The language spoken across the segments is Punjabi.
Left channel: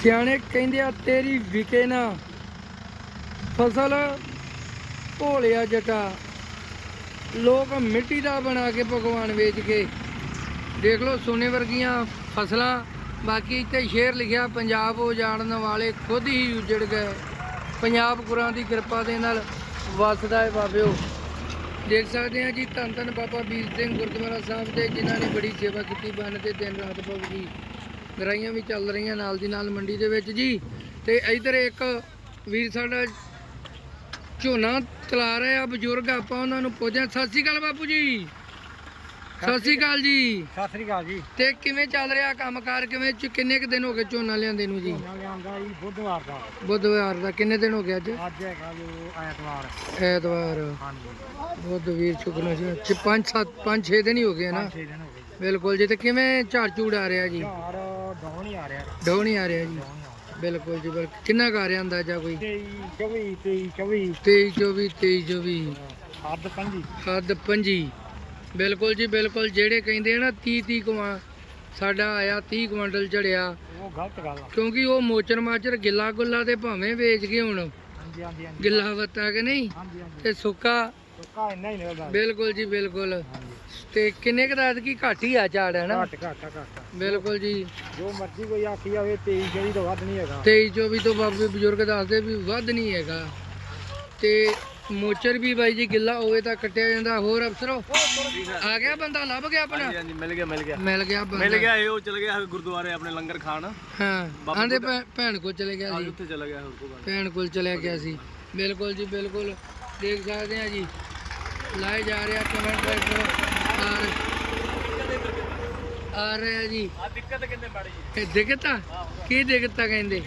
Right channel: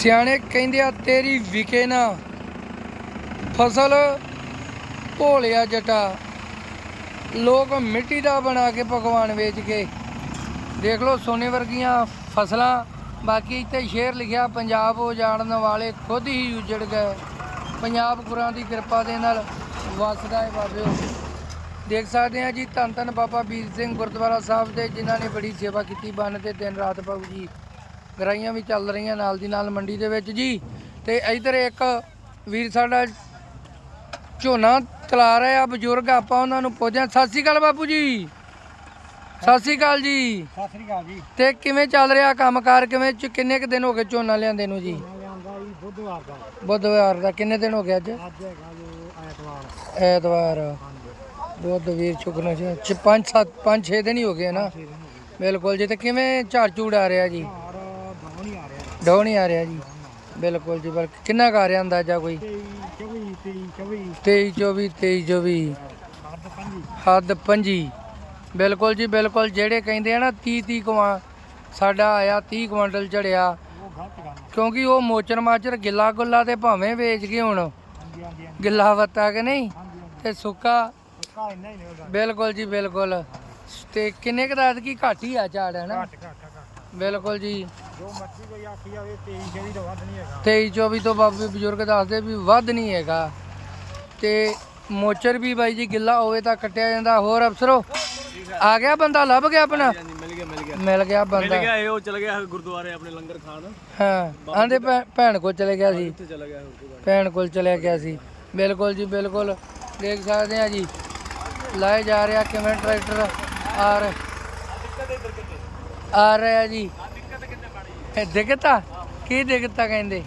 ਸਿਆਣੇ ਕਹਿੰਦੇ ਆ, ਤੇਰੀ ਵਿਕੇ ਨਾ ਫਸਲ, ਭੋਲਿਆ ਜਟਾ। ਲੋਕ ਮਿੱਟੀ ਦਾ ਬਣਾ ਕੇ ਪਕਵਾਨ ਵੇਚ ਕੇ। ਦੇਖ ਲਓ, ਸੋਨੇ ਵਰਗੀਆਂ ਫਸਲਾਂ, ਬਾਕੀ ਇੱਥੇ ਸ਼ੇਰ ਲਿਖਿਆ, ਪੰਜਾਬ ਉਜਾੜਨ ਵਾਲੇ ਖੁਦ ਹੀ ਉਜੜ ਗਏ। ਪੰਜਾਬ ਗੁਰਾਂ ਦੀ ਕਿਰਪਾ ਦੇ ਨਾਲ ਵਸਦਾ ਹੈ ਬਾਬਿਓ। ਦੇਖ ਸਕਦੇ ਆ ਜੀ, ਧੰਨ ਧੰਨ ਬਾਬਾ ਵੀਰ ਸਿੰਘ ਗੁਰਦੁਆਰਾ ਸਾਹਿਬ ਦੇ, ਜਿਨ੍ਹਾਂ ਨੇ ਬੜੀ ਸੇਵਾ ਕੀਤੀ, ਬੰਨ ਤੇ ਦਿਨ ਰਾਤ ਬਾਬੂ ਜੀ ਗਰਾਈਆਂ ਵੀ ਚੱਲ ਰਹੀਆਂ ਨਾਲ ਦੀ ਨਾਲ ਮੰਡੀ ਦੇ ਵਿੱਚ ਜੀ। ਤੇ ਇਧਰ ਇੱਕ ਵੀਰ ਸਾਡਾ ਝੋਨਾ ਤਲਾ ਰਹੇ ਆ ਬਜ਼ੁਰਗ ਆਪਾਂ ਉਹਨਾਂ ਨੂੰ ਪੁੱਛਿਆ ਸਤਿ ਸ਼੍ਰੀ ਅਕਾਲ ਬਾਪੂ ਜੀ। ਸਤਿ ਸ਼੍ਰੀ ਅਕਾਲ ਜੀ। ਸਤਿ ਸ੍ਰੀ ਅਕਾਲ ਜੀ। ਤੇ ਕਿਵੇਂ ਚੱਲ ਰਿਹਾ ਕੰਮਕਾਰ? ਕਿਵੇਂ ਚ ਕਿੰਨੇ ਕੁ ਦਿਨ ਹੋ ਗਏ ਝੋਨਾ ਲਿਆਂਦੇ ਨੂੰ ਜੀ? ਝੋਨਾ ਲਿਆਂਦਾ ਜੀ ਬੁੱਧਵਾਰ ਦਾ। ਬੁੱਧਵਾਰ ਦਾ। ਕਿੰਨੇ ਦਿਨ ਹੋ ਗਏ ਅੱਜ? ਅੱਜ ਹੈਗਾ ਜੋ ਐਤਵਾਰ। ਐਤਵਾਰ। ਹਾਂਜੀ। ਬੁੱਧ ਵੀਰ ਚੁੱਕਣਾ ਚ 5 7 5 6 ਦਿਨ ਹੀ ਹੋ ਗਏ ਨਾ। ਛੇ ਦਿਨ ਹੋ ਗਏ ਜੀ। ਬਿਲਕੁਲ ਜੀ। ਤੇ ਕਿਵੇਂ ਝਾੜ ਝੂੜ ਆ ਰਿਹਾ ਜੀ? ਝਾੜ ਡਾਉਣ ਹੀ ਆ ਰਿਹਾ। ਆ ਜੀ। ਬਿਲਕੁਲ ਜੀ ਬਿਲਕੁਲ। ਕਿੰਨਾ ਕੁ ਆ ਰਿਹਾ ਅੰਦਾਜ਼ਾ ਕੋਈ? 23 24 23 24 23 24 23 24 ਅੱਧ ਪੰਜੀ ਹੱਦ ਪੰਜੀ। ਬਿਲਕੁਲ ਜੀ ਬਿਲਕੁਲ। ਜਿਹੜੇ ਕਹਿੰਦੇ ਆ ਨਾ 30 30 ਕੁਆਂ ਸਾਡਾ ਆਇਆ 30 ਕੁਇੰਟਲ ਝੜਿਆ ਉਹ ਗਲਤ ਗੱਲ ਆ। ਕਿਉਂਕਿ ਉਹ ਮੋਚਰ ਮਾਚਰ ਗਿੱਲਾ ਗੁੱਲਾ ਤੇ ਭਾਵੇਂ ਵੇਚ ਗਏ ਹੁਣ। ਗਿੱਲਾ ਵੱਤਾ ਕਿ ਨਹੀਂ? ਤੇ ਸੁੱਕਾ। ਬਿਲਕੁਲ ਜੀ ਬਿਲਕੁਲ। ਤੇ ਕਿੰਨੇ ਕੁ ਦਾ ਕੀ ਘੱਟ ਹੀ ਆ ਝਾੜ ਹੈ ਨਾ? ਘੱਟ ਘੱਟ ਘੱਟ। ਬਿਲਕੁਲ ਜੀ। ਜੋ ਮਰਜ਼ੀ ਕੋਈ ਆਖੀ ਜਾਵੇ 23 ਜਿਹੜੀ ਤੋਂ ਵੱਧ ਨਹੀਂ ਹੈਗਾ। 23 24 ਤੋਂ ਬਾਬੇ ਬਜ਼ੁਰਗ ਦੱਸਦੇ ਵੀ ਵੱਧ ਨਹੀਂ ਹੈਗਾ। ਤੇ ਮੋਚਰ ਵੀ ਬਾਈ ਜੀ ਗਿੱਲਾ ਹੋਵੇ ਤਾਂ ਕੱਟਿਆ ਜਾਂਦਾ। ਹੋਰ ਅਫਸਰੋ ਆ ਗਿਆ ਬੰਦਾ ਲੱਭ ਗਿਆ ਆਪਣਾ? ਹਾਂਜੀ ਮਿਲ ਗਿਆ ਮਿਲ ਗਿਆ। ਮਿਲ ਗਿਆ ਮਿਲ ਬੰਦਾ ਗਿਆ ਇਹ ਉਹ ਚਲ ਗਿਆ ਗੁਰਦੁਆਰੇ ਆਪਣੇ ਲੰਗਰ ਖਾਣ। ਹਾਂ ਆਂਦੇ ਭੈਣ ਕੋਲ ਚਲੇ ਗਿਆ ਸੀ। ਉੱਥੇ ਚਲਾ ਗਿਆ ਭੈਣ ਕੋਲ ਚਲਿਆ ਗਿਆ ਸੀ। ਬਿਲਕੁਲ ਜੀ ਬਿਲਕੁਲ। ਦੇਖ ਸਕਦੇ ਆ ਜੀ। ਲਾਏ ਜਾ ਰਿਹਾ ਕਿਵੇਂ ਟਰੈਕਟਰ ਆ ਰਹੇ ਆ ਰਿਹਾ ਜੀ। ਇਹ ਦਿੱਕਤ ਕੀ ਦਿੱਕਤ ਕਹਿੰਦੇ?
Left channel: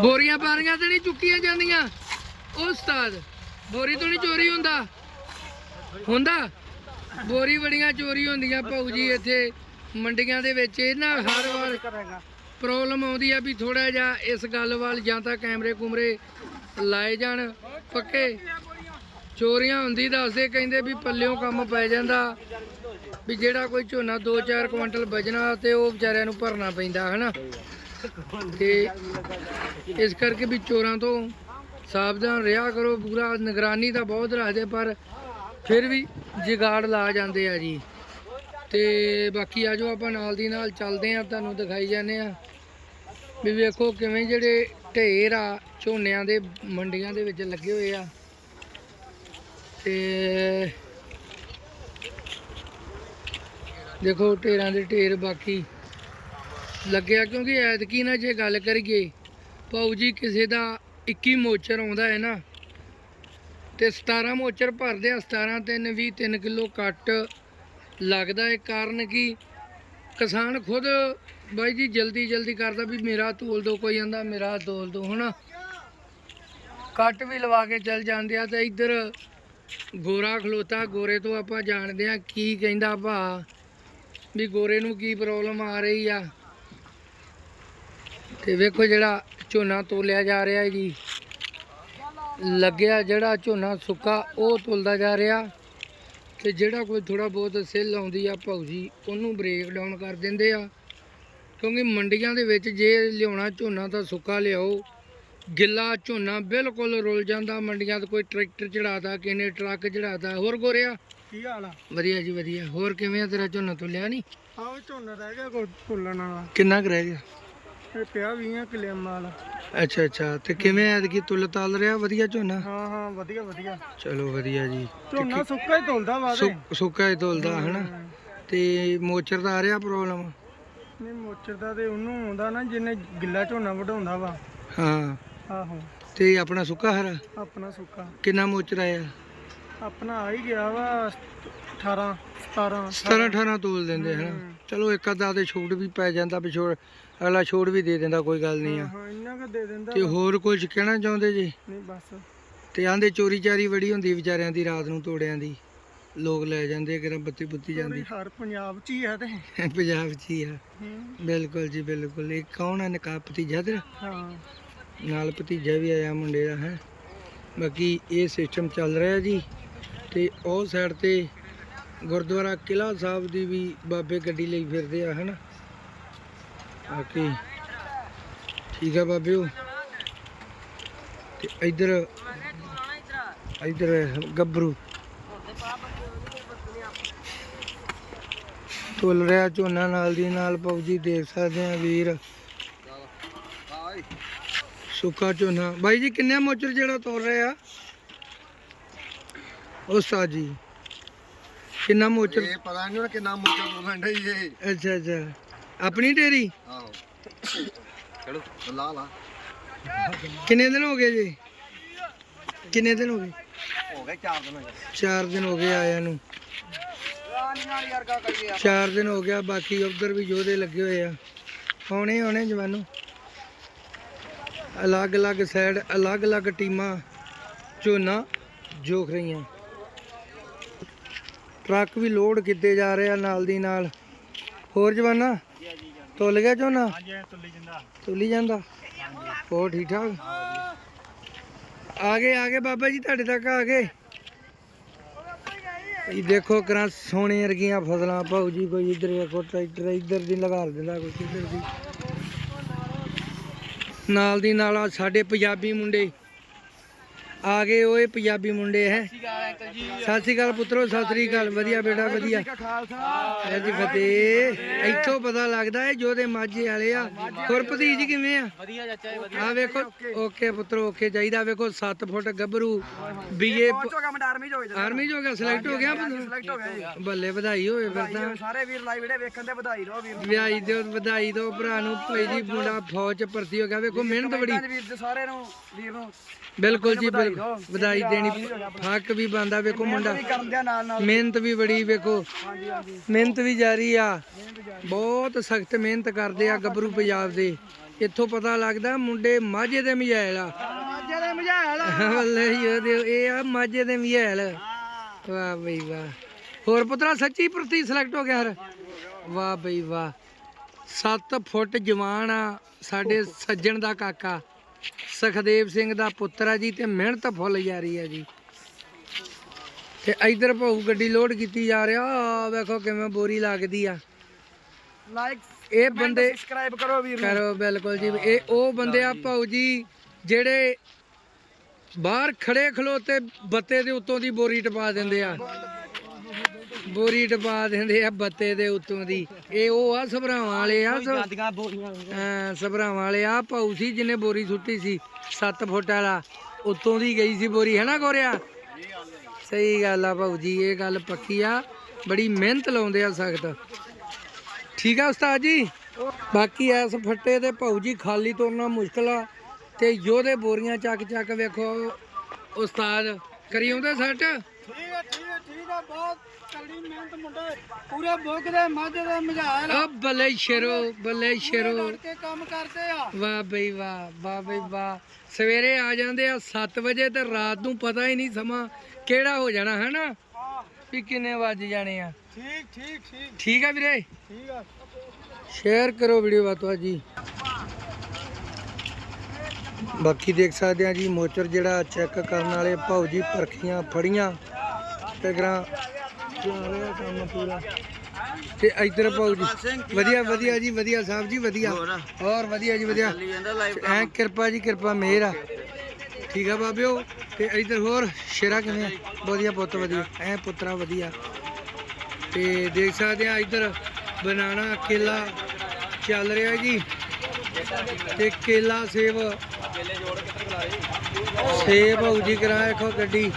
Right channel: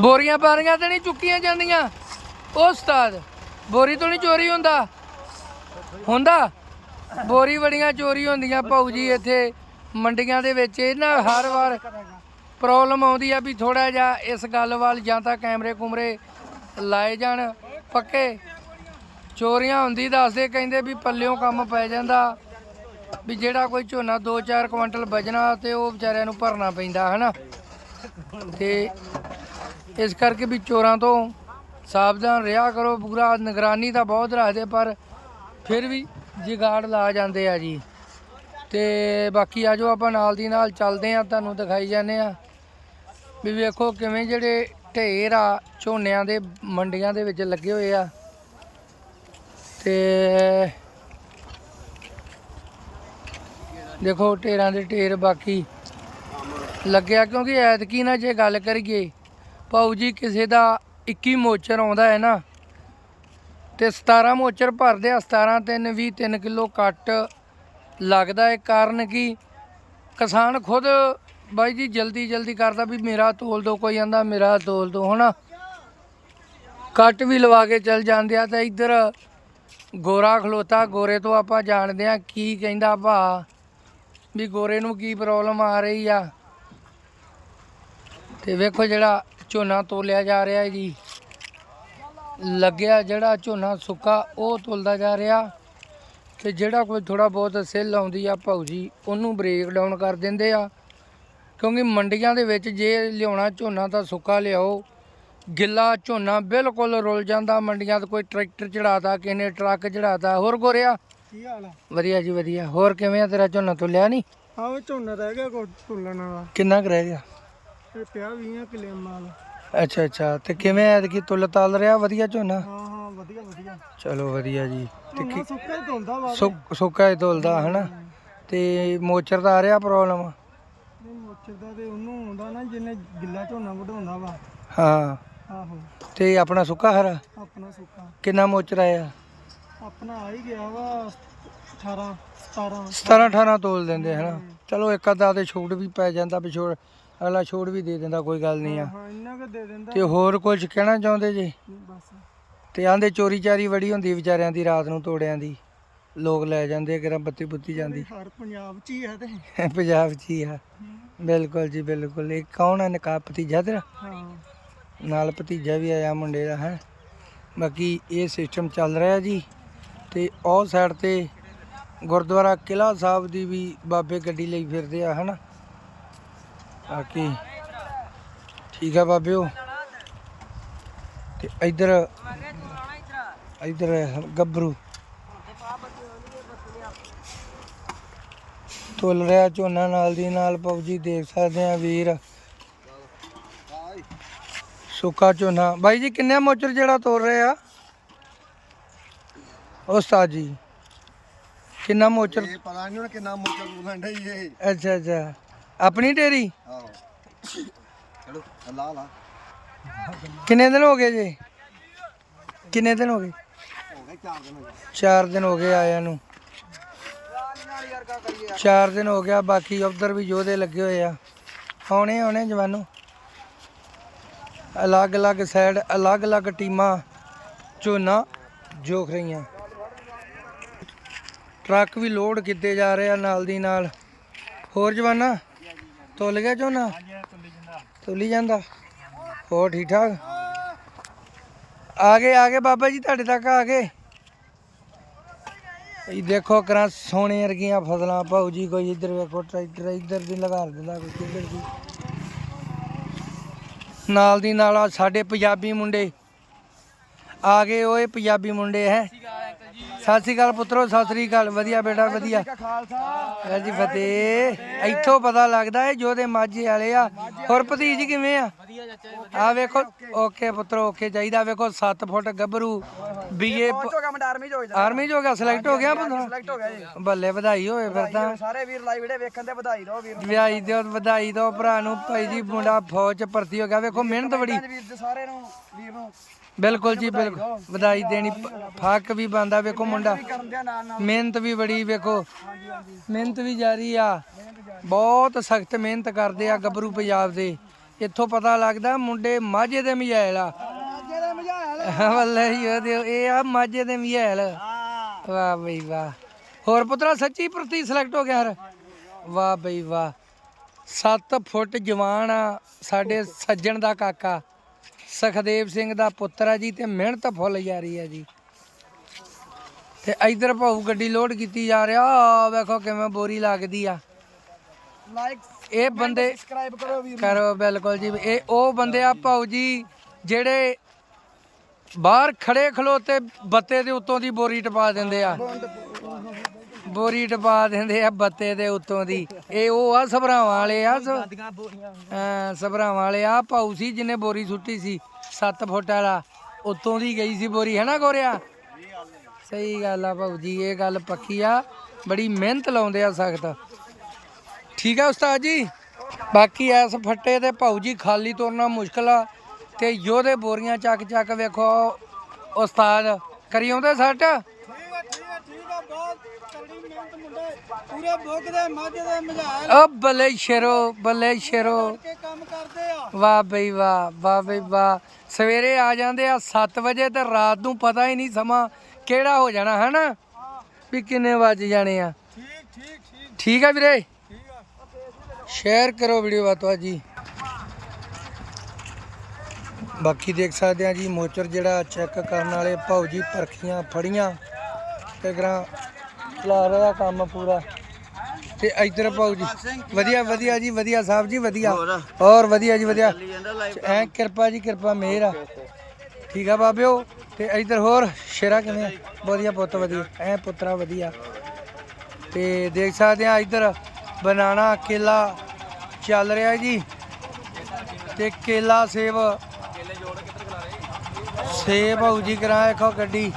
ਬੋਰੀਆਂ ਪਾਰੀਆਂ ਤੇ ਨਹੀਂ ਚੁੱਕੀਆਂ ਜਾਂਦੀਆਂ। ਉਹ ਉਸਤਾਦ, ਬੋਰੀ ਤੋਂ ਨਹੀਂ ਚੋਰੀ ਹੁੰਦਾ? ਹੁੰਦਾ? ਬੋਰੀ ਬੜੀਆਂ ਚੋਰੀ ਹੁੰਦੀਆਂ ਭਾਊ ਜੀ ਇੱਥੇ ਮੰਡੀਆਂ ਦੇ ਵਿੱਚ। ਇਹਨਾਂ ਹਰ ਵਾਰ ਪ੍ਰੋਬਲਮ ਆਉਂਦੀ ਆ ਵੀ ਥੋੜਾ ਜਿਹਾ ਇਸ ਗੱਲ ਵੱਲ ਜਾਂ ਤਾਂ ਕੈਮਰੇ ਕੁਮਰੇ ਲਾਏ ਜਾਣ। ਪੱਕੇ? ਚੋਰੀਆਂ ਹੁੰਦੀ ਦੱਸਦੇ, ਕਹਿੰਦੇ ਵੀ ਪੱਲਿਓਂ ਕੰਮ ਪੈ ਜਾਂਦਾ। ਵੀ ਜਿਹੜਾ ਕੋਈ ਝੋਨਾ 2-4 ਕੁਇੰਟਲ ਵਜਣਾ ਤੇ ਉਹ ਵਿਚਾਰਿਆਂ ਨੂੰ ਭਰਨਾ ਪੈਂਦਾ, ਹਨਾ? ਤੇ ਇਸ ਕਰਕੇ ਵੀ ਚੋਰਾਂ ਤੋਂ ਸਾਵਧਾਨ ਰਿਹਾ ਕਰੋ। ਪੂਰਾ ਨਿਗਰਾਨੀ ਤਾਂ ਬਹੁਤ ਰੱਖਦੇ, ਪਰ ਫਿਰ ਵੀ ਜਿਗਾੜ ਲਾ ਜਾਂਦੇ ਆ ਜੀ। ਤੇ ਬਾਕੀ ਆਜੋ ਆਪਾਂ ਨਾਲ ਦੀ ਨਾਲ ਚੱਲਦੇ ਆ, ਤੁਹਾਨੂੰ ਦਿਖਾਈ ਜਾਂਦੇ ਆ। ਵੀ ਵੇਖੋ ਕਿਵੇਂ ਜਿਹੜੇ ਢੇਰ ਆ, ਝੋਨਿਆਂ ਦੇ, ਮੰਡੀਆਂ ਦੇ ਵਿੱਚ ਲੱਗੇ ਹੋਏ ਆ। ਤੇ ਦੇਖੋ ਢੇਰਾਂ ਦੇ ਢੇਰ ਬਾਕੀ ਲੱਗਿਆ ਕਿਉਂਕਿ ਐਤਕੀ ਨਾ ਜੇ ਗੱਲ ਕਰੀਏ, ਭਾਊ ਜੀ ਕਿਸੇ ਦਾ 21 ਮੋਚਰ ਆਉਂਦਾ ਹੈ ਨਾ, ਤੇ 17 ਮੋਚਰ ਭਰਦੇ ਆ 17 3 20 3 ਕਿਲੋ ਕੱਟ ਲੱਗਦਾ ਹੈ। ਕਾਰਨ ਕਿ? ਕਿਸਾਨ ਖੁਦ ਬਾਈ ਜੀ ਜਲਦੀ ਜਲਦੀ ਕਰਦਾ ਵੀ ਮੇਰਾ ਤੋਲ ਦੋ, ਕੋਈ ਆਂਦਾ ਮੇਰਾ ਤੋਲ ਦੋ, ਹਨਾ? ਕੱਟ ਵੀ ਲਵਾ ਕੇ ਚੱਲ ਜਾਂਦੇ ਆ ਤੇ ਇੱਧਰ ਗੋਰਾ ਖਲੋਤਾ, ਗੋਰੇ ਤੋਂ ਆਪਾਂ ਜਾਣਦੇ ਆ ਕੀ ਕਹਿੰਦਾ ਭਾ, ਵੀ ਗੋਰੇ ਨੂੰ ਕੀ ਪ੍ਰੋਬਲਮ ਆ ਰਹੀ ਆ। ਤੇ ਵੇਖੋ ਜਿਹੜਾ ਝੋਨਾ ਤੋਲਿਆ ਜਾ ਰਿਹਾ ਜੀ। ਲੱਗਿਆ ਜਿਹੜਾ ਝੋਨਾ ਸੁੱਕਾ, ਉਹ ਤੁਲਦਾ ਜਾ ਰਿਹਾ। ਤੇ ਜਿਹੜਾ ਕੋਈ ਥੋੜਾ ਬਹੁਤ ਸਿੱਲ ਆਉਂਦੀ ਆ ਭਾਊ ਉਹਨੂੰ ਬ੍ਰੇਕ ਡਾਊਨ ਕਰ ਦਿੰਦੇ ਆ। ਕਿਉਂਕਿ ਮੰਡੀਆਂ ਦੇ ਵਿੱਚ ਜੇ ਲਿਆਉਣਾ ਝੋਨਾ ਤਾਂ ਸੁੱਕਾ ਲਿਆਓ। ਗਿੱਲਾ ਝੋਨਾ ਬਿਲਕੁਲ ਰੁਲ ਜਾਂਦਾ ਮੰਡੀਆਂ 'ਤੇ ਕੋਈ ਟਰੈਕਟਰ ਚੜਾਤਾ ਕਿਸੇ ਨੇ ਟਰੱਕ ਚੜਾਤਾ ਹੋਰ ਗੋਰਿਆ। ਕੀ ਹਾਲ ਆ? ਵਧੀਆ ਜੀ ਵਧੀਆ ਹੋਰ ਕਿਵੇਂ ਆ ਤੇਰਾ ਝੋਨਾ ਤੁਲਿਆ ਨਹੀਂ ਆਹ ਝੋਨਾ ਰਹਿ ਗਿਆ ਕੋ ਢੁੱਲਣ ਵਾਲਾ। ਕਿੰਨਾ ਕੁ ਰਹਿ ਗਿਆ? ਇਹ ਪਿਆ 20 ਕਿਲੇ ਵਾਲਾ ਅੱਛਾ ਅੱਛਾ ਤੇ ਕਿਵੇਂ ਐਤਕੀ? ਤੁਲ ਤਲ ਰਿਹਾ ਵਧੀਆ ਝੋਨਾ? ਹਾਂ ਹਾਂ ਵਧੀਆ ਵਧੀਆ। ਚਲੋ ਵਧੀਆ ਜੀ। ਝੋਨਾ ਸੁੱਕਾ ਹੀ ਧੁਲਦਾ ਵਾ ਤੇ। ਸੁੱਕ- ਹੀ ਤੁਲਦਾ ਹਨਾ। ਤੇ ਮੋਚਰ ਦਾ ਆ ਰਿਹਾ ਪ੍ਰੋਬਲਮ ਨਹੀਂ ਮੋਚਰ ਦਾ ਤੇ ਉਹਨੂੰ ਆਉਂਦਾ ਨਾ ਜਿਹਨੇ ਗਿੱਲਾ ਝੋਨਾ ਵਢਾਉਂਦਾ ਵਾ। ਹਾਂ। ਆਹੋ। ਤੇ ਆਪਣਾ ਸੁੱਕਾ ਹਰਾ? ਆਪਣਾ ਸੁੱਕਾ। ਕਿੰਨਾ ਮੋਚਰ ਆਇਆ ਆਪਣਾ ਆ ਹੀ ਗਿਆ ਵਾ 18 17 17 18 ਤੋਲ ਦਿੰਦੇ ਹਨਾ? ਹਮ। ਚਲੋ ਇੱਕ ਅੱਧਾ ਤੇ ਛੂਟ ਵੀ ਪੈ ਜਾਂਦਾ ਵੀ ਛੋੜ ਅਗਲਾ ਛੂਟ ਵੀ ਦੇ ਦਿੰਦਾ ਕੋਈ ਗੱਲ ਨਹੀਂ ਆ। ਹਾਂ ਇੰਨਾ ਕੁ ਦੇ ਦਿੰਦਾ। ਤੇ ਹੋਰ ਕੁਝ ਕਹਿਣਾ ਚਾਹੁੰਦੇ ਜੀ? ਨਹੀਂ ਬਸ। ਤੇ ਆਂਦੇ ਚੋਰੀ ਚਾਰੀ ਬੜੀ ਹੁੰਦੀ ਵਿਚਾਰਿਆਂ ਦੀ ਰਾਤ ਨੂੰ ਤੋੜਿਆਂ ਦੀ। ਲੋਕ ਲੈ ਜਾਂਦੇ ਕਿਰਾਂ ਬੱਤੀ ਬੁੱਤੀ ਜਾਂਦੀ। ਹਰ ਪੰਜਾਬ ਚ ਹੀ ਆ ਤੇ। ਪੰਜਾਬ 'ਚ ਹੀ ਆ। ਹੂੰ। ਬਿਲਕੁਲ ਜੀ ਬਿਲਕੁਲ। ਇਹ ਕੌਣ ਆ ਨਕਾ ਭਤੀਜਾ ਤੇਰਾ? ਹਾਂ। ਨਾਲ ਭਤੀਜਾ ਵੀ ਆਇਆ ਮੁੰਡੇ ਦਾ, ਹੈ। ਬਾਕੀ ਇਹ ਸਿਸਟਮ ਚੱਲ ਰਿਹਾ ਜੀ ਤੇ ਉਹ ਸਾਈਡ ਤੇ ਗੁਰਦੁਆਰਾ ਕਿਲਾ ਸਾਹਿਬ ਦੀ ਵੀ ਬਾਬੇ ਗੱਡੀ ਲਈ ਫਿਰਦੇ ਆ ਹਨਾ ਬਾਕੀ ਠੀਕ ਆ ਬਾਬਿਓ। ਤੇ ਇੱਧਰ ਇੱਧਰ ਗੱਭਰੂ ਤੁਲ ਰਿਹਾ ਝੋਨਾ ਨਾਲ ਦੀ ਨਾਲ ਪੌਜੀ ਦੇਖ ਸਕਦੇ ਆ ਵੀਰ। ਸੁੱਕਾ ਝੋਨਾ। ਬਾਈ ਜੀ ਕਿੰਨੇ ਮੋਚਰ ਜਿਹੜਾ ਤੋੜ ਰਹੇ ਆ? ਉਸਤਾਦ ਜੀ ਕਿੰਨਾ ਮੋਚਰ? ਇਹ ਪਤਾ ਨਹੀਂ ਹੁਣ ਕਿੰਨਾ ਮੁੱਕਾ ਬੋਲਣ ਡਈ ਇਹ। ਅੱਛਾ ਅੱਛਾ। ਆਪਣੀ ਡੇਰੀ? ਆਹੋ। ਚਲੋ ਲਾ ਲਾ। ਕਿੰਨੇ ਦਿਨ ਹੋ ਗਏ ਜੀ? ਕਿੰਨੇ ਦਿਨ ਹੋ ਗਏ? ਹੋ ਗਏ 4 ਦਿਨ ਹੋ ਗਏ। 4 ਦਿਨ ਹੋ ਗਏ ਆਇਆਂ ਨੂੰ। 4 ਦਿਨ ਹੋ ਗਿਆ ਬਾਕੀ ਉਧਰ ਵੀ ਯੋਧੇ ਲੱਗੇ ਹੋਏ ਆ। ਆਉਣੇ ਆਉਣੇ ਜਵਾਨੋ। ਅਲੱਗ-ਅਲੱਗ ਸਾਈਡ ਅਲੱਗ-ਅਲੱਗ ਟੀਮਾਂ ਝੋਨਾ ਜੋਖ ਰਹੀਆਂ। ਟਰੱਕ ਵੀ ਲੋਡ ਕੀਤੇ ਜਾ ਰਹੇ ਆ ਨਾਲ ਦੀ ਨਾਲ। ਹੋਰ ਜਵਾਨਾ, ਤੁੱਲ ਗਿਆ ਝੋਨਾ? ਤੁੱਲੀ ਜਾਂਦਾ। ਹੋਰ ਠੀਕ ਠਾਕ ਆ ਗਏ ਆ ਗਏ ਬਾਬਾ ਜੀ, ਤੁਹਾਡੇ ਤੱਕ ਆ ਗਏ। ਇਹ ਦੇਖੋ ਕਰਾਂ ਸੋਨੇ ਵਰਗੀਆਂ ਫਸਲਾਂ। ਭਾਊ ਜੀ ਕੋਈ ਇੱਧਰ ਵੇਖੋ, ਟਰੈਕਟਰ ਇੱਧਰ ਦੀ ਲਗਾ ਦਿੰਦਾ, ਕੋਈ ਕਿੱਧਰ ਦੀ। ਨਾਲ ਦੀ ਨਾਲ ਸਾਡੇ ਪੰਜਾਬੀ ਮੁੰਡੇ। ਆ ਗਏ ਓਏ ਪੰਜਾਬੀ ਮੁੰਡੇ ਹੈ। ਸਤਿ ਸ਼੍ਰੀ ਅਕਾਲ ਪੁੱਤਰੋ ਸਤਿ ਸ਼੍ਰੀ ਅਕਾਲ। ਵਧੀਆ ਬੇਟਾ ਵਧੀਆ। ਖਾਲਸਾ ਜੀ ਫਤਿਹ। ਇੱਥੋਂ ਪਤਾ ਲੱਗਦਾ ਹੈ ਜੋਦੇ ਮਾਝੇ ਵਾਲੇ ਆ। ਹੋਰ ਭਤੀਜ ਕਿਵੇਂ ਆ? ਆ ਵੇਖੋ ਓਕੇ ਪੁੱਤਰੋ ਓਕੇ ਚਾਹੀਦਾ। ਵੇਖੋ 7 ਫੁੱਟ ਗੱਭਰੂ ਬੀਏ ਆਰਮੀ ਹੋਏ ਹੋ ਗਿਆ ਸਿਲੈਕਟ ਹੋ ਗਿਆ ਬੰਦਾ ਜੀ। ਬੱਲੇ ਵਧਾਈ ਹੋਵੇ ਫਿਰ ਤਾਂ। ਸਾਰੇ ਵੀਰ ਲਾਈਵ ਵੀਡੀਓ ਵੇਖਣ ਦੇ ਵਧਾਈ ਰਹੋ ਵੀਰ। ਵਿਆਹੀ ਦਿਓ ਵਧਾਈ ਦਿਓ ਭਰਾ ਨੂੰ। ਭਾਈ ਜੀ ਮੁੰਡਾ ਫੌਜ ਚ ਭਰਤੀ ਹੋ ਗਿਆ। ਵੇਖੋ ਮਿਹਨਤ ਬੜੀ। ਸਾਰੇ ਨੂੰ ਵੀਰ ਨੂੰ ਬਿਲਕੁਲ ਜੀ ਬਿਲਕੁਲ। ਵਧਾਈ ਦੇਣੀ ਹੱਕ ਵੀ ਬੰਦਾ ਵੇਖੋ ਮੁੰਡਾ ਮਿਹਨਤ ਵੀ ਬੜੀ ਵੇਖੋ। ਮਿਹਨਤ ਵੀ ਜਾਰੀ ਆ। ਬਹੁਤ ਸਖਤ ਮਿਹਨਤ ਕਰਦੇ ਆ ਗੱਭਰੂ ਪੰਜਾਬ ਦੇ। ਇੱਥੋਂ ਪਤਾ ਲੱਗਦਾ ਮੁੰਡੇ ਮਾਝੇ ਦੇ ਮਝੈਲ ਆ। ਮਾਝੇ ਦੇ ਮਝਾਲ। ਵੱਲੇ ਇਹ ਆ ਮਾਝੇ ਦੇ ਮਝੈਲ। ਵਾਹ ਬਈ ਵਾਹ। ਹੋਰ ਪੁੱਤਰਾ ਸੱਚੀ ਪ੍ਰਤੀ ਸਿਲੈਕਟ ਹੋ ਗਿਆ ਹਰ? ਵਾਹ ਬਈ ਵਾਹ। 7 ਫੁੱਟ ਜਵਾਨ ਆ ਸਾਡੇ ਸੱਜਣ ਦਾ ਕਾਕਾ। ਸਖਦੇਵ ਸਿੰਘ ਦਾ ਪੁੱਤਰ ਆ ਜੀ ਤੇ ਮਿਹਨਤ ਫੁੱਲ ਜਾਰੀ ਆ ਜੀ। ਤੇ ਇਧਰ ਭਾਊ ਗੱਡੀ ਲੋਡ ਕੀਤੀ ਜਾ ਰਿਹਾ। ਆ ਵੇਖੋ ਕਿਵੇਂ ਬੋਰੀ ਲੱਗਦੀ ਆ। ਲਾਈਕ ਇਹ ਬੰਦੇ ਸਬਸਕ੍ਰਾਈਬ ਕਰੋ ਵੀਰ ਕਰੋ ਬਿਲਕੁਲ ਜੀ। ਇਹ ਉਹ ਬੰਦੇ ਆ ਭਾਊ ਜੀ ਜਿਹੜੇ ਬਾਹਰ ਖੜੇ ਖਲੋਤੇ ਬੱਤੇ ਦੇ ਉੱਤੋਂ ਦੀ ਬੋਰੀ ਟਪਾ ਦਿੰਦੇ ਆ। ਬੋਰੀ ਟਪਾ ਦਿੰਦੇ ਆ ਬੱਤੇ ਦੇ ਉੱਤੋਂ ਦੀ। ਇਹ ਉਹ ਆ ਸਭਰਾਵਾਂ ਵਾਲੇ ਆ ਸਭਰਾਵਾਂ ਵਾਲੇ ਆ। ਭਾਊ ਸੀ ਜਿਹਨੇ ਬੋਰੀ ਸੁੱਟੀ ਸੀ 7 ਫੁੱਟ ਵਾਲਾ। ਉੱਤੋਂ ਦੀ ਗਈ ਸੀ ਬੋਰੀ ਹੈ ਨਾ ਗੋਰਿਆ? ਸਹੀ ਗੱਲ ਆ ਭਾਊ ਜੀ ਇਹ ਗੱਲ ਪੱਕੀ ਆ। ਬੜੀ ਮਿਹਨਤ ਲਾਉਂਦੇ ਆ ਸਖਤ। ਠੀਕ ਆ ਉਸਤਾਦ ਜੀ? ਬਾਕੀ ਐਸ ਫੱਟੇ ਤੇ ਭਾਊ ਜੀ ਖਾਲੀ ਤੁਰਨਾ ਮੁਸ਼ਕਲ ਆ। ਤੇ ਯੋਧੇ ਬੋਰੀਆਂ ਚੱਕ ਚੱਕ ਵੇਖੋ ਉਸਤਾਦ ਕਰੀ ਆਉਂਦੇ ਸੱਟ? ਠੀਕ ਹੈ ਠੀਕ ਹੈ ਠੀਕ ਹੈ ਬਹੁਤ ਤਗੜੀ ਮਿਹਨਤ ਮੁੰਡੇ ਪੂਰੇ ਬੁੱਕ ਦੇ ਮਾਝੇ ਦੇ ਮਝਾਲ ਓ ਬੱਲੇ ਸ਼ੇਰੋ ਬੱਲੇ ਸ਼ੇਰੋ। ਕੇ ਕੰਮ ਕਰਦੇ ਆ। ਵਾਹ ਬਈ ਵਾਹ ਵਾਹ ਬਈ ਵਾਹ। ਸਵੇਰੇ ਆ ਜਾਂਦੇ ਆ 7 ਵਜੇ ਤੇ ਰਾਤ ਨੂੰ ਪਤਾ ਹੀ ਨਹੀਂ ਸਮਾਂ ਕਿਹੜਾ ਹੋ ਜਾਣਾ ਹਨਾ? ਹਾਂ। ਵੀ ਕਿੰਨੇ ਵੱਜ ਜਾਣੇ ਆ। ਠੀਕ ਠੀਕ ਠੀਕ। ਠੀਕ ਆ ਵੀਰੇ? ਠੀਕ ਆ। ਸ਼ੇਅਰ ਕਰੋ ਵੀਡੀਓ ਬਾਤਵਾ ਜੀ। ਬਾਕੀ ਦੇਖ ਸਕਦੇ ਆ ਜੀ ਮੋਚਰ ਜਿਹੜਾ ਚੈੱਕ ਕਰਨ ਵਾਲੇ ਭਾਊ ਜੀ ਪਰਖੀਆਂ ਫੜੀਆਂ। ਤੇ ਗਰਾਂ ਚਲਾ ਰਿਹਾ ਕੰਮ ਪੂਰਾ। ਤੇ ਇੱਧਰ ਭਾਊ ਜੀ। ਵਧੀਆ ਵਧੀਆ ਜੀ ਵਧੀਆ ਸਾਹਿਬ ਜੀ ਵਧੀਆ। ਹੋਰ? ਵਧੀਆ ਜੀ ਵਧੀਆ। ਐ ਕਿਰਪਾ ਜੀ ਕਿਰਪਾ ਮਿਹਰ ਆ। ਠੀਕ ਆ ਬਾਬਿਓ? ਤੇ ਇੱਧਰ ਹੋਰ ਸ਼ੇਰਾ ਕਿਵੇਂ? ਵਧੀਆ ਪੁੱਤ ਵਧੀਆ। ਐ ਪੁੱਤਰਾ ਵਧੀਆ। ਤੇ ਦੇਖ ਸਕਦੇ ਆ ਇੱਧਰ ਬਨਾਨਾ ਕੇਲਾ ਚੱਲ ਰਿਹਾ ਜੀ। ਤੇ ਕੇਲਾ ਸੇਬ। ਸੇਬ ਹੋਊ ਜੀ ਕਰਾਂ ਦੇਖੋ ਗੱਡੀ।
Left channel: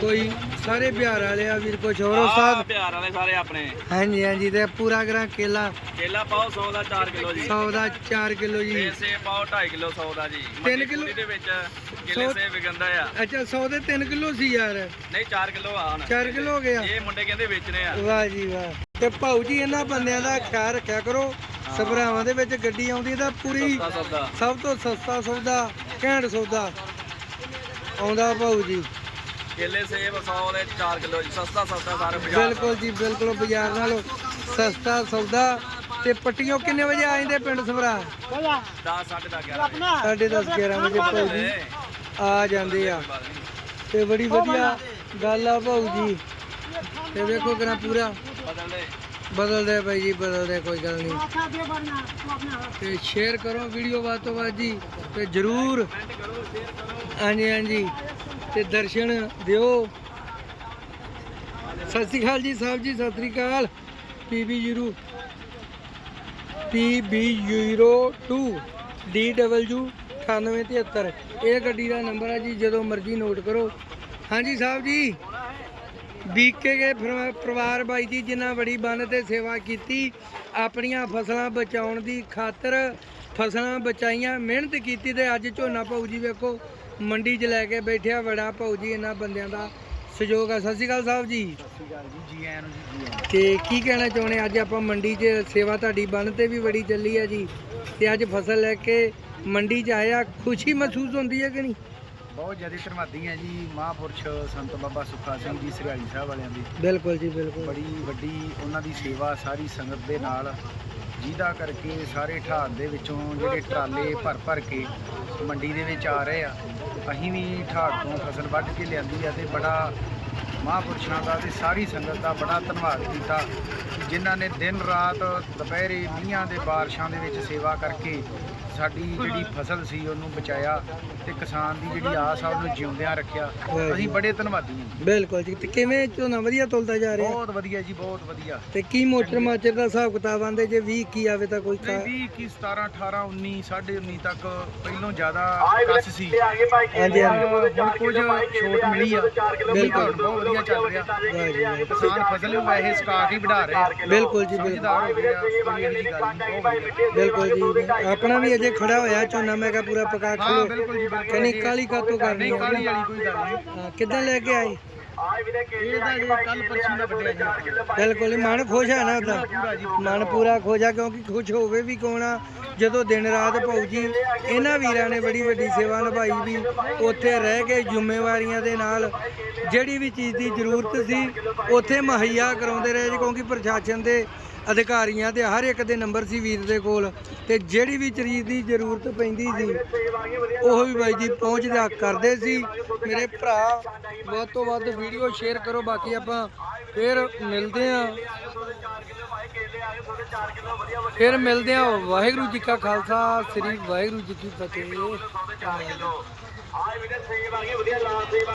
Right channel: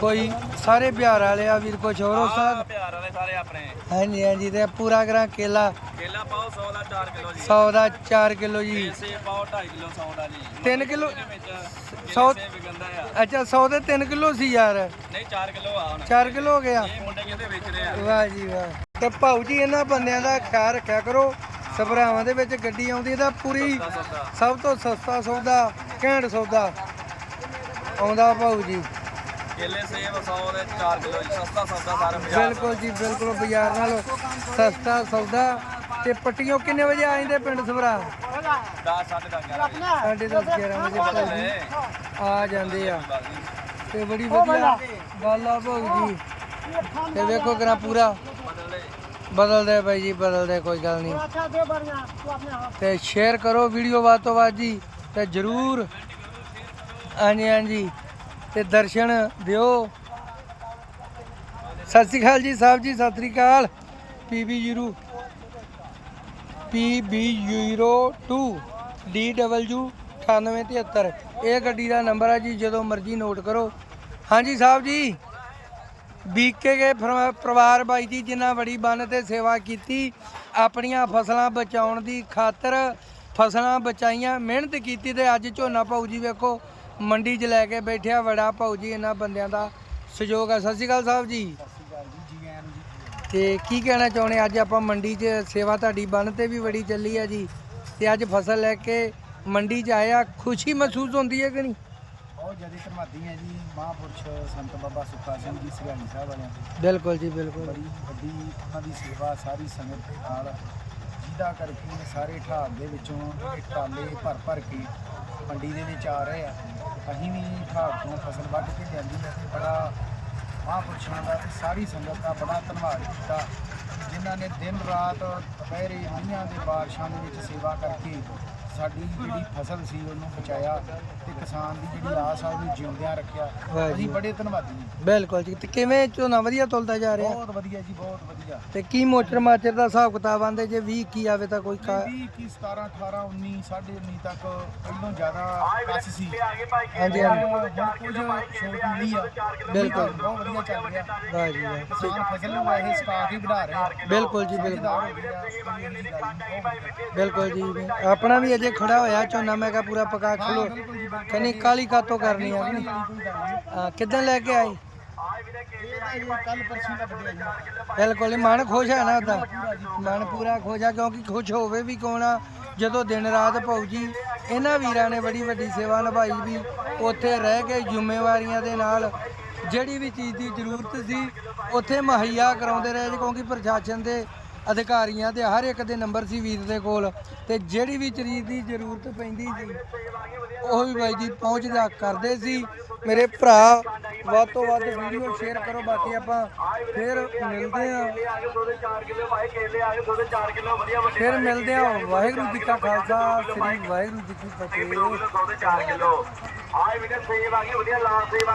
ਕੋਈ ਸਾਰੇ ਬਿਹਾਰ ਵਾਲੇ ਆ ਵੀਰ ਕੁਛ ਹੋਰ ਉਸਤਾਦ ਪਿਆਰ ਵਾਲੇ ਸਾਰੇ ਆਪਣੇ। ਹਾਂਜੀ ਹਾਂਜੀ ਤੇ ਪੂਰਾ ਕਰਾਂ ਕੇਲਾ। ਕੇਲਾ ਪਾਓ 100 ਦਾ 4 ਕਿਲੋ ਜੀ। 100 ਦਾ 4 ਕਿਲੋ ਜੀ। ਸੇਬ ਪਾਓ 2.5 ਕਿਲੋ 100 ਦਾ ਜੀ। ਤਿੰਨ ਕਿੱਲੋ? ਦੇ ਵਿੱਚ ਕੇਲੇ ਸੇਬ ਵਿਕੰਦਾ ਆ। ਅੱਛਾ 100 ਦੇ 3 ਕਿਲੋ ਸੀ ਯਾਰ। ਨਹੀਂ 4 ਕਿਲੋ ਆ ਹੁਣ। 4 ਕਿਲੋ ਹੋ ਗਿਆ। ਇਹ ਮੁੰਡੇ ਕਹਿੰਦੇ ਵੇਚਣੇ ਆ। ਵਾਹ ਜੀ ਵਾਹ। ਤੇ ਭਾਊ ਜੀ ਇਹਨਾਂ ਬੰਦਿਆਂ ਦਾ ਖਿਆਲ ਰੱਖਿਆ ਕਰੋ। ਸਭਰਾਵਾਂ ਦੇ ਵਿੱਚ ਗੱਡੀ ਆਉਂਦੀ ਤਾਂ ਪੂਰੀ ਸਭ ਤੋਂ ਸਸਤਾ ਸੌਦਾ ਘੈਂਟ ਸੌਦਾ। ਆਉਂਦਾ ਭਾਊ ਜੀ। ਕੇਲੇ ਬਿਲਕੁਲ ਜੀ ਬਿਲਕੁਲ ਬਾਜ਼ਾਰ ਨਾਲੋਂ ਸਸਤਾ ਸੌਦਾ। ਤੇ ਪੱਟੀਆਂ ਕਿੰਨੇ ਵਜੇ ਆ ਪਿੰਡ ਸਵਰਾ 10:30 11 10 ਵਜੇ। ਭਾਊ ਆ ਜਾਂਦੇ ਆ। ਤੇ ਬੜੀ ਵਧੀਆ ਗੱਲ ਆ ਭਾਊ ਜੀ। ਤੇ ਵੇਖੋ ਕਰਾ ਪੂਰਾ ਬਦਲਦੇ। ਬਾਈ ਜੀ ਬਦਲਦੇ ਕੋਈ ਗੱਲ ਨਹੀਂ। ਤੇ ਸ਼ੇਅਰ ਕਰੋ ਵੀਡੀਓ ਬਾਤ ਤੋਂ ਬਾਤ ਜੀ। ਤੇ ਜਰੂਰ। ਹਾਂਜੀ ਹਾਂਜੀ। ਤੇ ਦਰਸ਼ਨ ਦਿਓ। ਸਤਿ ਸ਼੍ਰੀ ਅਕਾਲ ਜੀ ਸਾਹਿਬ ਜੀ, ਸਤਿ ਸ਼੍ਰੀ ਅਕਾਲ। ਪੀਬੀ ਜੀਰੋ PB02 DW 9873 ਇਹ ਗੱਡੀ ਦਾ ਨੰਬਰ ਹੈ ਜੀ, ਜਦੋਂ ਮਰਜ਼ੀ ਨੋਟ ਕਰੋ। ਹਾਂਜੀ ਸਾਹਿਬ ਜੀ, ਬੀਕੇ ਕੇ ਫਰ- ਪਰਿਵਾਰ ਬਾਈ ਜੀ, ਜਿਨ੍ਹਾਂ ਬੜੀ ਬੰਨ ਤੇ ਸੇਵਾ ਕੀਤੀ, ਆਪਣੀਆਂ ਫਸਲਾਂ ਬਚਾਉਣ ਦੀ ਖਾਤਰ, ਫਸਲਾਂ ਬਚਾਈਆਂ, ਮਿਹਨਤ ਕੀਤੀ ਤੇ ਅੱਜ ਝੋਨਾ ਭਾਊ ਜੀ ਵੇਖੋ। ਮੰਡੀ 'ਚ ਲੈ ਕੇ ਬੈਠਿਆ ਬੜਾ ਭਾਊ ਜੀ ਇਹਨਾਂ ਬੰਦਿਆਂ ਦਾ ਸਹਿਯੋਗ ਹੈ ਸਤਿ ਸ਼੍ਰੀ ਅਕਾਲ ਸਾਹਿਬ ਜੀ। ਸਤਿ ਸ਼੍ਰੀ ਅਕਾਲ ਜੀ ਜੀ ਆਇਆਂ ਨੂੰ ਜੀ ਜੀ ਆਇਆਂ ਤੇ ਕੀ ਕਹਿਣਾ ਚਾਹੁੰਦੇ ਅੱਜ ਆਪਾਂ ਮੰਡੀ 'ਚ ਸੇਵਾ ਤੁਹਾਡੀ ਬੰਨ ਤੇ ਵੀ ਬੜੀ ਚੱਲੀ ਆ ਜੀ। ਤੇ ਅੱਜ ਫਸਲ ਲੈ ਕੇ ਮੰਡੀ 'ਚ ਆਇਆ ਖੁਸ਼ੀ ਮਹਿਸੂਸ ਹੁੰਦੀ ਹੈ ਕਿ ਨਹੀਂ? ਬਹੁਤ ਜ਼ਿਆਦਾ ਧੰਨਵਾਦੀ ਹਾਂ ਜੀ ਮਹਾਂਪੁਰਸ਼ ਸੰਤ ਬਾਬਾ ਸੁੱਖਾ ਸਿੰਘ ਜੀ ਸਰਿਆਲੀ ਸਾਹਿਬ ਵਾਲਿਆਂ ਦੀ। ਬਿਲਕੁਲ ਜੀ ਬਿਲਕੁਲ। ਬੜੀ ਵੱਡੀ ਉਹਨਾਂ ਦੀ ਸੇਵਾ ਸਾਰੀ ਸੰਗਤ ਦੇ ਨਾਲ ਜਿਹਦਾ ਕਰਕੇ ਸਾਰੇ ਠਾੜ ਦੇ ਵਿੱਚੋਂ ਜਿਹੜੇ ਟਰਾਲੇ ਭਰ ਭਰ ਕੇ ਮੰਡੀ ਦੇ ਵਿੱਚ ਆ ਰਹੇ ਆ। ਅਸੀਂ ਵੀ ਠਾੜ ਤੋਂ ਫਸਲ ਵੱਢ ਕੇ ਲਿਆਂਦੀ ਆ ਤੇ ਬੜਾ ਮਹਾਂਪੁਰਸ਼ਾਂ ਦਾ ਤੇ ਸਾਰੀ ਸੰਗਤ ਦਾ ਬੜਾ ਧੰਨਵਾਦ ਕੀਤਾ ਜਿਨ੍ਹਾਂ ਨੇ ਦਿਨ ਰਾਤ ਦੁਪਹਿਰੇ ਮੀਂਹਾਂ ਦੇ ਬਾਰਿਸ਼ਾਂ ਦੇ ਵਿੱਚ ਸੇਵਾ ਕਰਕੇ ਸਾਡੀ ਜਿਹੜੀ ਫਸਲ ਸੀ ਉਹਨੂੰ ਬਚਾਇਆ ਤੇ ਕਿਸਾਨ ਦੀ ਜਿਹੜੀ ਆਸ ਆ ਉਹਨੂੰ ਜਿਉਂਦਿਆਂ ਰੱਖਿਆ। ਵਾਹ ਜੀ ਅਸੀਂ। ਬੜੇ ਧੰਨਵਾਦੀ ਹਾਂ। ਬਿਲਕੁਲ ਜੀ। ਤੇ ਕਿਵੇਂ ਝੋਨਾ ਵਧੀਆ ਤੁਲਦਾ ਜਾ ਰਿਹਾ? ਬਹੁਤ ਵਧੀਆ ਜੀ ਬਹੁਤ ਵਧੀਆ। ਤੇ ਕੀ ਮੋਟਰ ਮਾਚਰ ਦਾ ਹਿਸਾਬ ਕਿਤਾਬ ਆਂਦੇ ਜੇ 20 ਕੀ ਆਵੇ ਤਾਂ ਕੋਈ ਖਾ- 20 21 17 18 19 19.5 ਤੱਕ ਪਹਿਲੋਂ ਜ਼ਿਆਦਾ ਕੱਸ ਸੀ। ਹਾਂਜੀ ਹਾਂਜੀ। ਹੁਣ ਹੁਣ ਕੁਝ ਛੋਟ ਮਿਲੀ ਆ। ਬਿਲਕੁਲ। ਬਹੁਤ ਵਧੀਆ ਚੱਲ ਰਿਹਾ। ਵਾਹ ਜੀ ਵਾਹ ਕਿਸਾਨ ਫਸਲ ਵੀ ਵੈਸੇ ਸਟਾਕ ਹੀ ਵਧਾ ਰਹੇ ਆ। ਬਿਲਕੁਲ ਜੀ ਬਿਲਕੁਲ। ਸਮਝਦਾਰ ਹੋ ਗਏ ਆ ਕੋਈ ਇਹੋ ਜੀ ਗੱਲ ਨਹੀਂ ਬਹੁਤ ਵਧੀਆ। ਬਿਲਕੁਲ ਜੀ। ਆਪਣਾ ਵੀ ਅਜੇ ਖੜਾ ਹੋਇਆ ਝੋਨਾ ਮੈਂ ਕਿਹਾ ਪੂਰਾ ਪਕਾ ਖਲੋ। ਬਿਲਕੁਲ ਜੀ ਬਿਲਕੁਲ। ਕਹਿੰਨੀ ਕਾਲੀ ਕਾਤੋਂ ਕਰਨੀ ਨਹੀਂ ਆ? ਕਾਲੀ ਵਾਲੀ ਕੋਈ ਗੱਲ ਨਹੀਂ। ਹਾਂ, ਕਿੱਦਣ ਲੈ ਕੇ ਆਏ? ਇਹ ਤਾਂ ਜੇ ਕੱਲ ਪਰਸੋਂ ਦਾ ਵੱਡਿਆ ਜੀ ਆਪਾਂ। ਬਿਲਕੁਲ ਹੀ ਮਨ ਖੁਸ਼ ਹੈ ਨਾ ਉਹਦਾ। ਪੂਰਾ ਜੀ ਮਨ ਪੂਰਾ ਖੁਸ਼ ਆ ਕਿਉਂਕਿ ਖੁਸ਼ ਹੋਵੇ ਵੀ ਕੌਣ ਆ? ਜਦੋਂ ਦਿਨ ਰਾਤ ਭਾਊ ਜੀ ਇਹਨਾਂ ਵੀਰਾਂ ਨੇ ਬੜੀ ਵੱਡੀ ਸੇਵਾ ਨਿਭਾਈ ਵੀ ਉੱਥੇ ਰਹਿ ਕੇ ਜ਼ਿੰਮੇਵਾਰੀਆਂ ਦੇ ਨਾਲ ਜਿਹੜੀ ਵੀ ਚੀਜ਼ ਦੀ ਜ਼ਰੂਰਤ ਸੀ ਉੱਥੇ ਮੁਹੱਈਆ ਕਰਾਉਂਦੇ ਰਹੇ ਜੀ ਕਿਉਂਕਿ ਪ੍ਰਸ਼ਾਸਨ ਦੇ ਅਧਿਕਾਰੀਆਂ ਤੇ ਹਰ ਇੱਕ ਦੇ ਨੰਬਰ ਸੀ ਵੀਰ ਦੇ ਕੋਲ ਤੇ ਜਿਹੜੀ ਵੀ ਚੀਜ਼ ਦੀ ਜ਼ਰੂਰਤ ਪੈਂਦੀ ਸੀ, ਉਹ ਵੀ ਬਾਈ ਜੀ ਪਹੁੰਚਦਾ ਕਰਦੇ ਸੀ। ਮੇਰੇ ਭਰਾ, ਵੱਧ ਤੋਂ ਵੱਧ ਵੀਡੀਓ ਸ਼ੇਅਰ ਕਰੋ, ਬਾਕੀ ਆਪਾਂ ਫਿਰ ਮਿਲਦੇ ਆਂ ਫਿਰ ਮਿਲਦੇ ਆਂ ਵਾਹਿਗੁਰੂ ਜੀ ਕਾ ਖਾਲਸਾ, ਸ੍ਰੀ ਵਾਹਿਗੁਰੂ ਜੀ ਕੀ ਫਤਿਹ।